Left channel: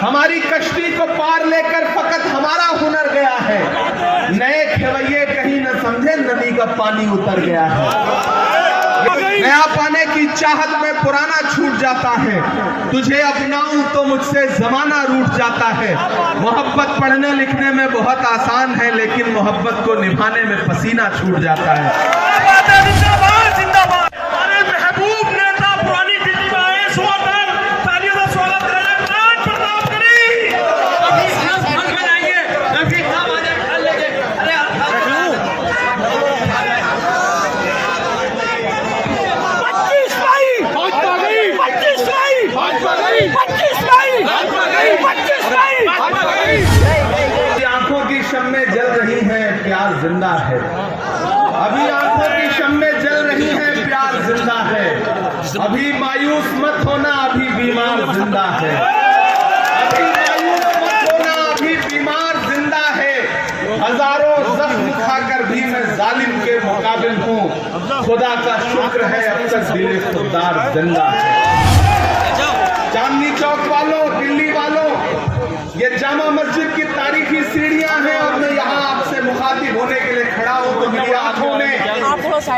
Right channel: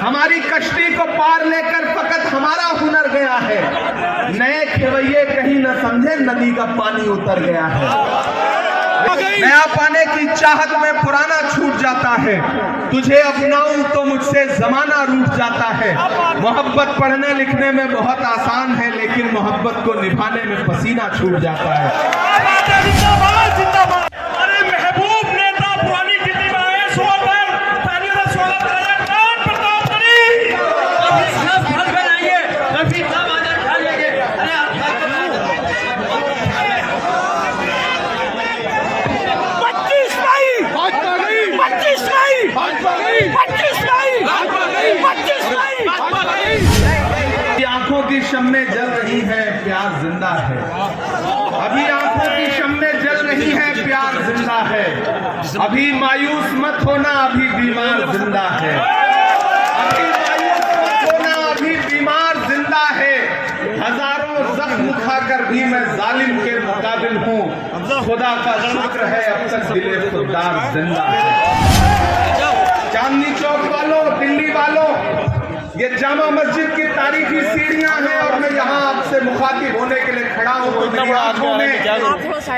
हमारी कश्ती को पार लेकर फकत हमारा हुनर गया है। नए खेवैये कहीं न समझे नदी का पानी उतर गया है। नया पाने की चाहत में पुराना छूट जाता है। तुझे अपनाऊं तो मुझसे जमाना रूठ जाता है। मोहब्बत पढ़ने लिखने में बहुत आसान है, लेकिन मोहब्बत को निभाने में पसीना छूट जाता है। महबूब नेता पुरानी दिल्ली में आए, तालियों का स्वागत करें। आंखों की शम्में जल रही है, प्यार जिंदा है। अभी आंखों की शम्में जल रही है, प्यार जिंदा है। अभी मायूस मत होना, अभी बीमार जिंदा है। अभी मायूस मत होना, अभी बीमार जिंदा है। हजारों जख्म खाकर भी मैं जालिम के मुकाबिल हूँ। खुदा का शुक्र है अब तक दिले खुददार जिंदा है। चांदनी चौक वालों, दिल्ली वालों, ये जामा मस्जिद की तारीखी सीढ़ियां हैं और मैं यहाँ आपसे मुखातिब होने के लिए खड़ा हूँ। तो मेरी आंखों में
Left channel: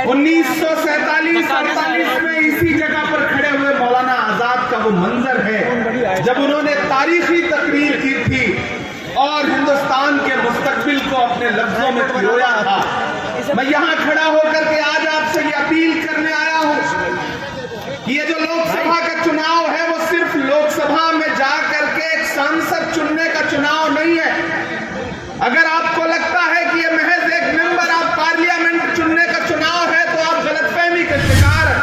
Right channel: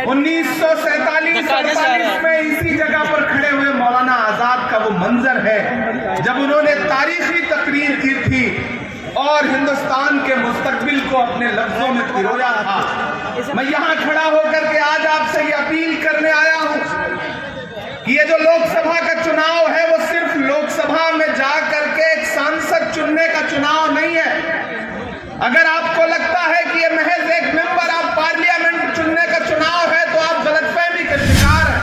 1947-48 में इसी जगह पर खड़े हुए मौलाना आजाद का वो मंजर है जब उन्होंने तारीखी तकरीर की थी और हिंदुस्तान के मुस्तकबिल को अपने लफ्जों में पिरोया था। मैं यहाँ खड़ा होकर के आज आपसे ये अपील करने आया हूँ कि ये जो लोकसभा का चुनाव है वो सिर्फ लोकसभा में जा करके एक सांसद चुनने का चुनाव नहीं है। अगर आपको लगता है कि ये महज एक मेंबर ऑफ पार्लियामेंट चुनने का चुनाव है तो आप गलतफहमी के शिकार हैं।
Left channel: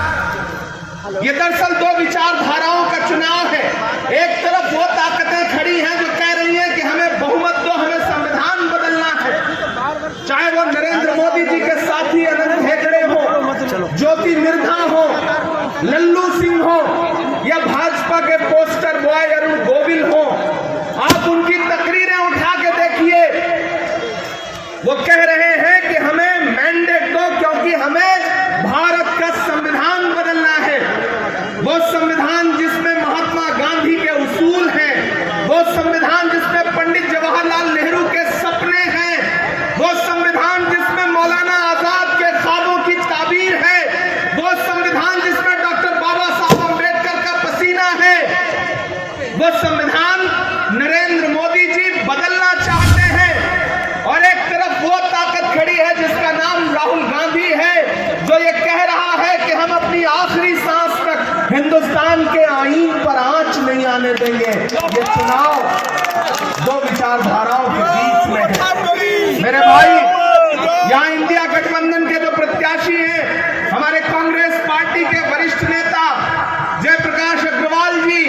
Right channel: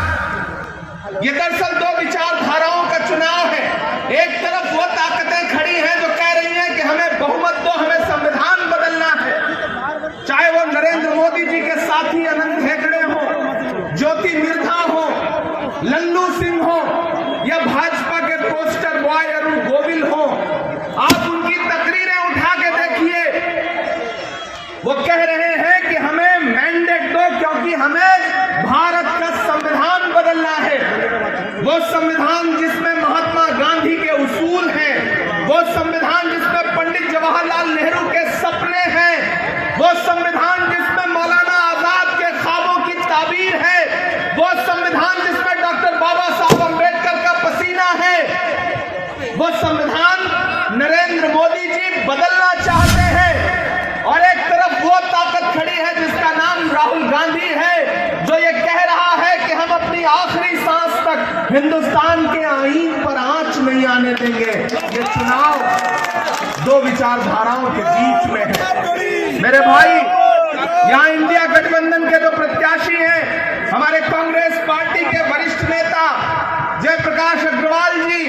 ये दरअसल दो विचारधाराओं का चुनाव है। एक तरफ वो ताकतें खड़ी हैं जो कह रही हैं कि हमें बहुमत दो, हमें संविधान बदलना है। चाहे वो नरेंद्र मोदी जी के साथी अनंत हेगड़े हो, ज्योति मिर्धा हो, लल्लू सिंह हो या भाजपा के पोस्टर बॉय अरुण गोविल हो, आप उनकी तकरीरें उठा के देखिए। वो कह रहे हैं कि हमें मैंडेट दो क्योंकि हमें भारत का संविधान बदलना है। वो संविधान जिसमें महात्मा गांधी के उसूल हैं, वो संविधान जिसमें पंडित जवाहरलाल नेहरू के सपने हैं, वो संविधान जिसमें मौलाना आजाद के ख्वाबों की ताबीर है, वो संविधान जिसमें वो संविधान नरेंद्र मोदी जी बदलना चाहते हैं। और एक तरफ वो ताकत खड़ी है जिसका नाम राहुल गांधी है जो ये कह रहा है कि हम अपनी आखिरी सांस तक हिंदुस्तान के आईन पर आंच नहीं आने देंगे। ये चुनाव दो विचारधाराओं के बीच में है। मेरे भाई, यहाँ इंडिया गठबंधन के जो प्रत्याशी हैं, हमारे कांग्रेस पार्टी के वरिष्ठ नेता जयप्रकाश अग्रवाल जी,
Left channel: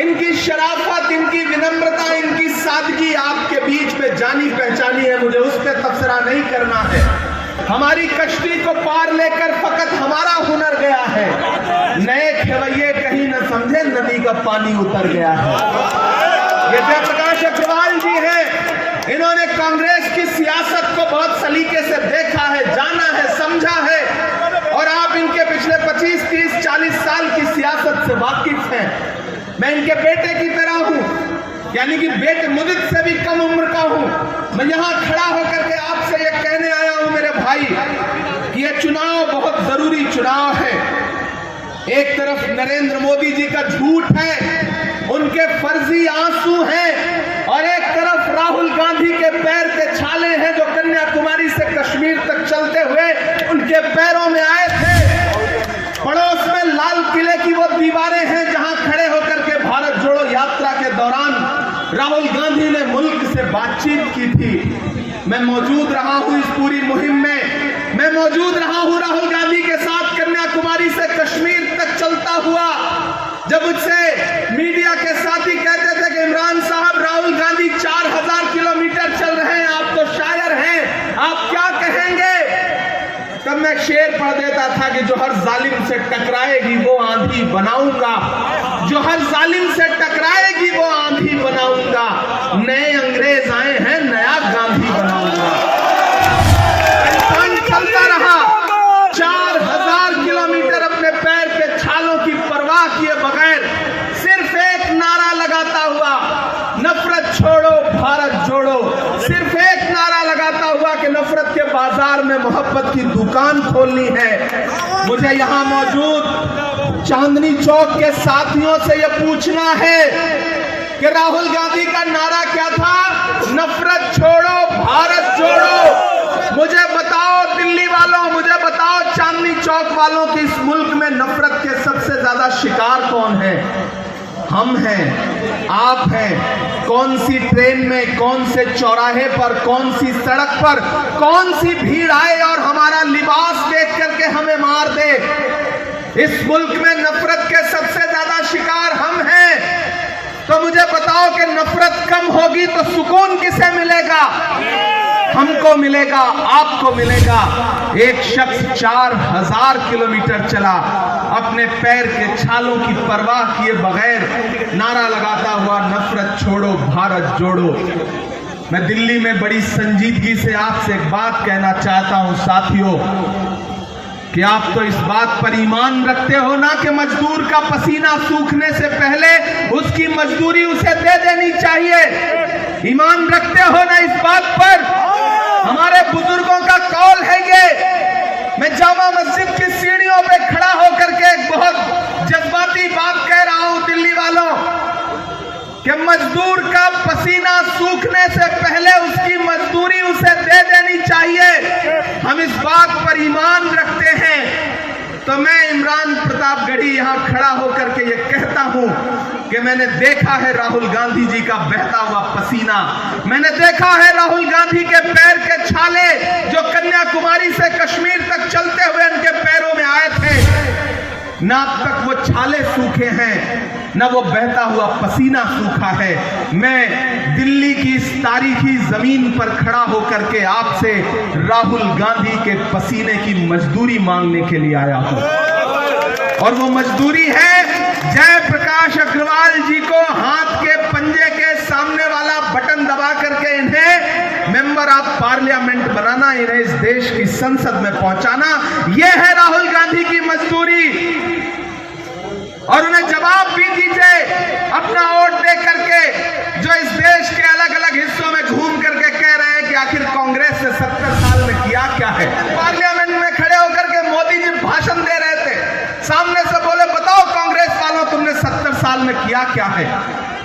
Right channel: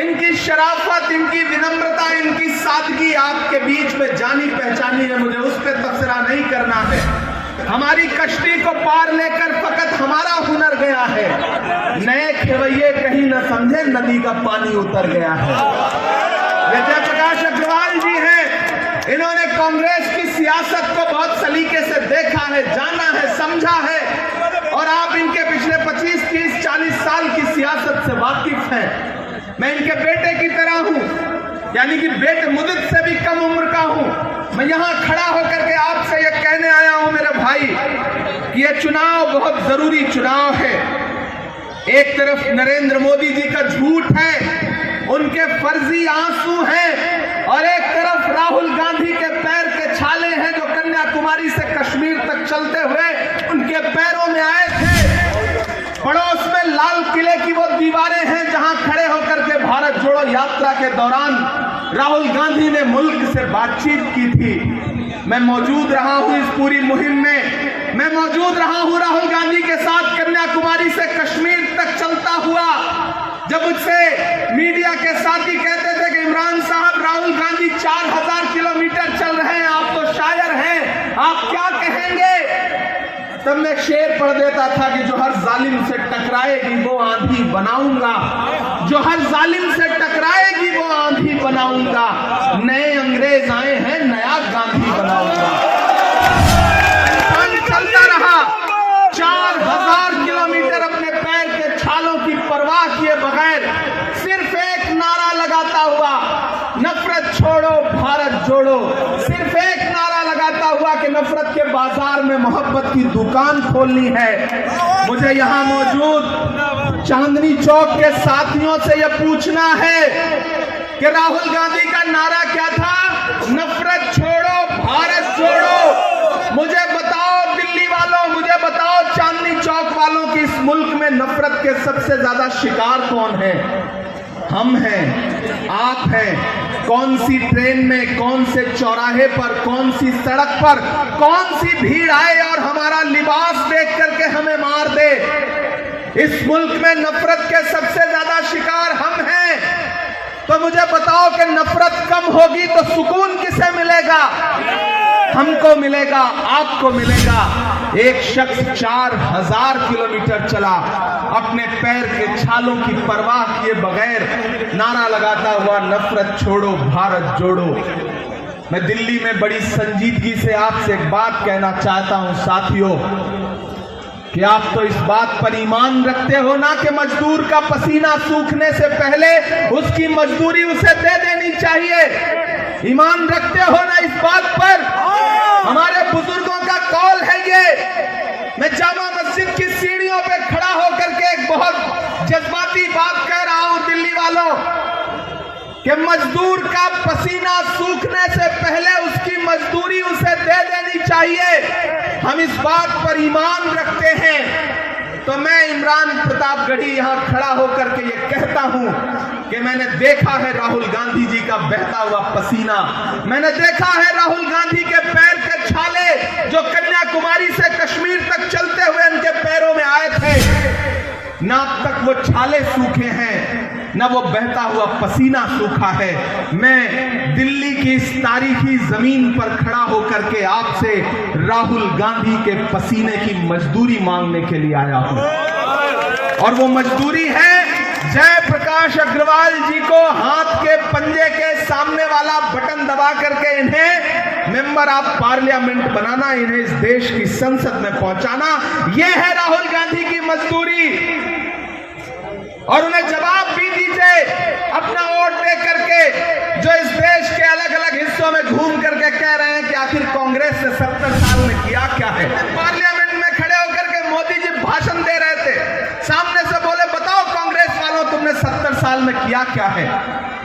इनकी शराफत, इनकी विनम्रता, इनकी सादगी आपके बीच में जानी पहचानी है। मुझे उस पर तबसरा नहीं करना है। हमारी कश्ती को पार लेकर फकत हमारा हुनर गया है। नए खेवैये कहीं न समझे नदी का पानी उतर गया है। ये जयप्रकाश अग्रवाल जी हैं। इन्होंने कांग्रेस की सियासत को बहुत सलीके से देखा है, जाना है, समझा है और आप इनके पिछले 25, 30, 40 साल की सियासत से वाकिफ हैं। मैं इनके बेटे की तरह हूं, यानी कि बेटे मुदित से भी कम उम्र का हूं। मैं यहां खड़ा होकर के आपसे ये कहने आया हूं मेरे भाई कि ये चुनाव बहुत जरूरी चुनाव है। एक तरफ नरेंद्र मोदी जी का झूठ है, उनके फर्जी आंसू हैं और एक तरफ राहुल गांधी के पैर के छाले हैं जो कन्याकुमारी से कश्मीर तक चलते हुए उनके पैरों में आए थे। पड़ोस में लाल किले की वो दीवारें हैं जहां खड़े होकर के भारत जोड़ो यात्रा के दौरान राहुल गांधी ने मुल्क से बातचीत की थी। मैं मौजूद रहा हूं इस पूरी मुहिम में। मैं मौजूद रहा हूं राहुल गांधी के साथ कन्याकुमारी से कश्मीर तक चलता हुआ। जब मुझसे मीडिया के साथी कहते थे कि इमरान साहब, राहुल गांधी 4000 किलोमीटर चल रहे हैं, आप तो शायर हैं, आप क्या कहेंगे? तब मैं शेर पढ़ देता था कि जो हर जालिम से टकराएगी वो आंधी बनाऊंगा, जो हर जालिम से टकराएगी वो आंधी बनाऊंगा। नए अंग्रेज आए हैं, नया गांधी बनाऊंगा। चलता रहा 4000 किलोमीटर अपने पैर के छालों की परवाह किए बगैर सिर्फ एक नारा लगाता हुआ की दुकान खोलनी है। मुझे यहाँ मौजूद चांदनी चौक के साथियों से यह पूछना है कि राहुल गांधी का नारा क्या था? नफरत छोड़ो भारत जोड़ो। मुझे बताओ दिल्ली वालों, मुझे बताओ चांदनी चौक वालों कि इस मुल्क में नफरत के सबसे ज्यादा शिकार कौन है? हम हैं, आप हैं। कौन सी ट्रेन में, कौन से चौराहे पर, कौन सी सड़क पर, कौन सी भीड़ आए और हमारा लिबास देख करके हमें मार दे? इस मुल्क में नफरत के सबसे ज्यादा शिकार हम हैं। तो मुझे बताओ कि नफरत कम होगी तो सुकून किसे मिलेगा? हमको मिलेगा, आपको मिलेगा। एक शख्स 4000 किलोमीटर चला, अपने पैर के छालों की परवाह किए बगैर नारा लगाता हुआ नफरत छोड़ो भारत जोड़ो। मैं दिल्ली में बड़ी संजीदगी से आपसे एक बात कहना चाहता हूं साथियों, कि आप तो इस बात पर ईमान रखते हो ना कि मजदूर का पसीना सूखने से पहले उसकी मजदूरी उसे दे देनी चाहिए। ईमान रखते हो ना इस बात पर? हमारे बुजुर्गों का कौल है ये। मैं जामा मस्जिद की सीढ़ियों पे खड़ा होकर के एक बहुत जज्बाती बात कह रहा हूं दिल्ली वालों, कि मजदूर का पसीना सूखने से पहले उसकी मजदूरी उसे दे देनी चाहिए। हम इस बात पर ईमान रखते हैं। तो मैं इमरान प्रतापगढ़ी यहां खड़ा होकर के ये कहता हूं कि मैंने देखा है राहुल गांधी जी का बहता हुआ पसीना, मैंने देखा है राहुल गांधी के पैर के छाले जो कन्याकुमारी से कश्मीर तक चलते हुए उनके पैरों में आए थे। ना अब तक वो छाले सूखे हैं, ना वो बहता हुआ पसीना सूखा है। मैं दिल्ली की इस तारीखी जमीन पर खड़ा होकर के आपसे राहुल गांधी के पसीने की मजदूरी मांगने के लिए आया हूं, और वो मजदूरी है जयप्रकाश अग्रवाल जी को हाथ के पंजे के सामने वाला बटन दबा करके इन्हें मेंबर ऑफ पार्लियामेंट बनाना, इन्हें इस देश की संसद में पहुंचाना। यह है राहुल गांधी की मजदूरी। और उन्हें जवाब भी दीजिए अपना वोट दे करके, जो इस देश के अलग अलग हिस्सों में घूम करके कह रहे हैं कि आखिर कांग्रेस ने 70 साल में किया क्या है। पार्लियामेंट में खड़े होकर के मोदी जी भाषण दे रहे थे, सामने से बोले बताओ कांग्रेस वालों तुमने 70 साल में किया क्या है।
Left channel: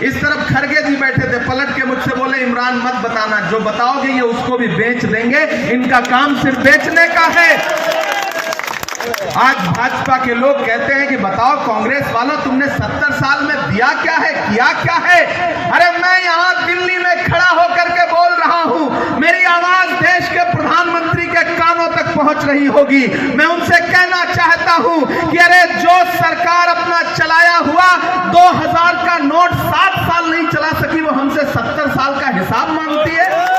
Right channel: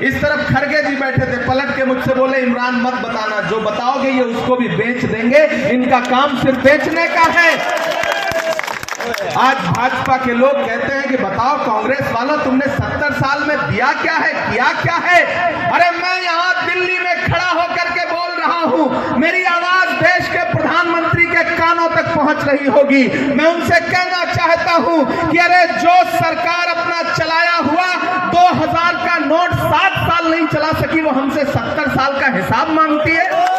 इस तरफ खड़गे जी बैठे थे, पलट के मुझसे बोले इमरान मत बताना, जो बताओगे ये उसको भी बेच देंगे, इनका काम सिर्फ बेचने का है। आज भाजपा के लोग कहते हैं कि बताओ कांग्रेस वाला तुमने 70 साल में दिया क्या है, किया क्या है। अरे मैं यहाँ दिल्ली में खड़ा होकर के बोल रहा हूँ, मेरी आवाज देश के प्रधानमंत्री के कानों तक पहुंच रही होगी। मैं उनसे कहना चाहता हूँ कि अरे जो सरकार अपना चलाया हुआ 2000 का नोट 7 साल नहीं चला सकी, वो हमसे 70 साल का हिसाब मांगती है।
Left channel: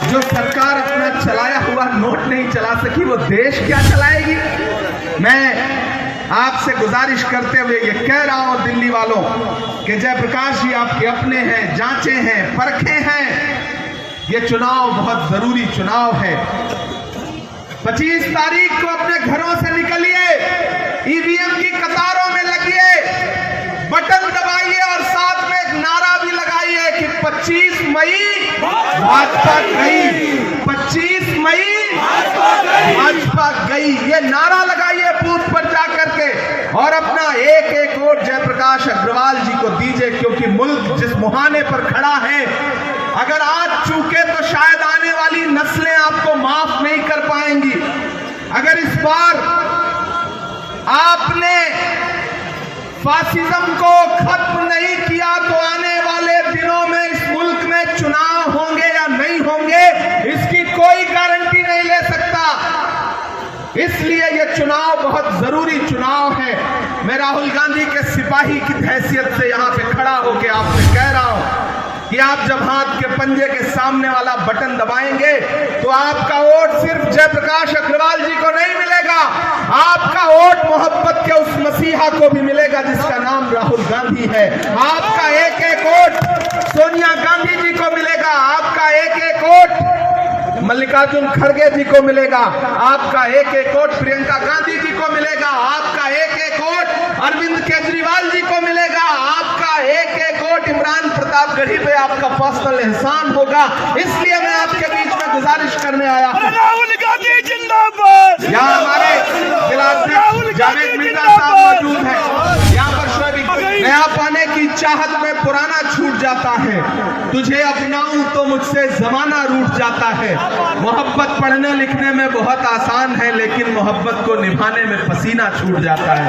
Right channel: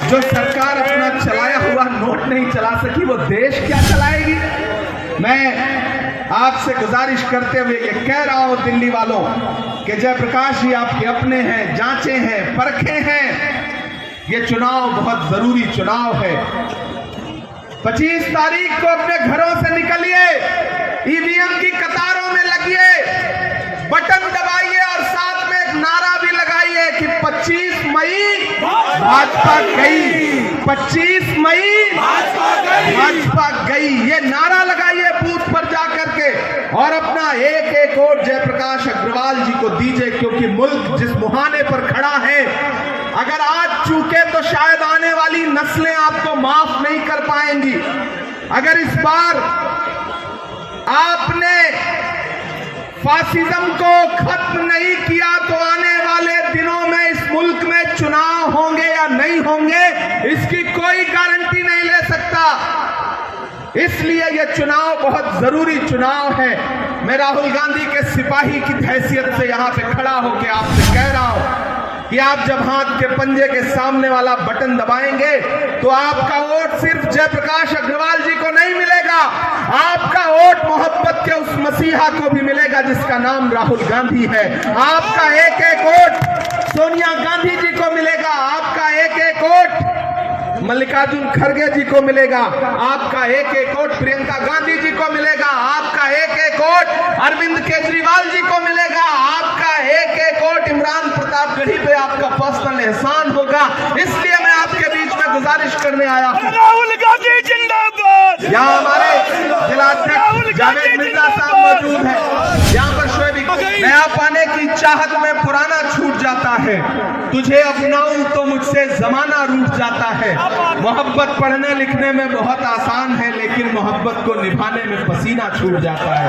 जो सरकार अपना चलाया हुआ नोट नहीं चला सकी, वो देश क्या चलाएगी। मैं आपसे गुजारिश करते हुए ये कह रहा हूं दिल्ली वालों कि जयप्रकाश जी आपके अपने हैं, जांचे हैं, परखे हैं। ये चुनाव बहुत जरूरी चुनाव है। 25 तारीख को अपने घरों से निकलिए, ईवीएम की कतारों में लगिए, बटन दबाइए और साथ में एक नारा भी लगाइए कि 25 मई भाजपा गई, 25 मई भाजपा गई। ये नारा लगाइए बूथ पर जाकर के, और अपना एक एक वोट जयप्रकाश अग्रवाल जी को दीजिए, क्योंकि मुल्क जिस मुहाने पर खड़ा है, अगर आज चूके तो शायद आने वाली नस्लें आपको माफ नहीं कर पाएंगी। अगर इस बार आपने फासिज्म को खत्म नहीं किया तो आने वाले दिनों में इस मुल्क में चुनाव होंगे या नहीं होंगे, इसकी कोई गारंटी नहीं ले सकता। इसलिए यह चुनाव बहुत जरूरी चुनाव है। मैं राहुल गांधी के सिपाही की हैसियत से यहां पे खड़ा होकर आपसे कह रहा हूं कि आप जब हाथ के पंजे के सामने वाला बटन दबाएंगे तो आपका वोट सिर्फ जयप्रकाश अग्रवाल जी को नहीं मिलेगा, आपका वोट मोहब्बत के उस मसीहा को भी मिलेगा जिसका नाम राहुल गांधी है। आपका एक एक वोट सोनिया गांधी जी को मिलेगा, आपका एक एक वोट मल्लिकार्जुन खड़गे जी को मिलेगा, आपका एक एक वोट प्रियंका गांधी जी को मिलेगा, आपका एक एक वोट अरविंद केजरीवाल जी को मिलेगा, आपका एक एक वोट इमरान प्रतापगढ़ी पे आपका पर्सनल एहसान होगा। इसलिए मैं आपके बीच में गुजारिश करने आया हूं। गांधी जिंदाबाद। यहाँ हमारे राहुल जिलाध्यक्ष गांधी जावेद मिर्जा जिंदाबाद। साहब मौजूद हैं। यहाँ पर शोएब, नया पाने की चाहत में पुराना छूट जाता है, तुझे अपनाऊं तो मुझसे जमाना रूठ जाता है। मोहब्बत पढ़ने लिखने में बहुत आसान है, लेकिन मोहब्बत को निभाने में पसीना छूट जाता है।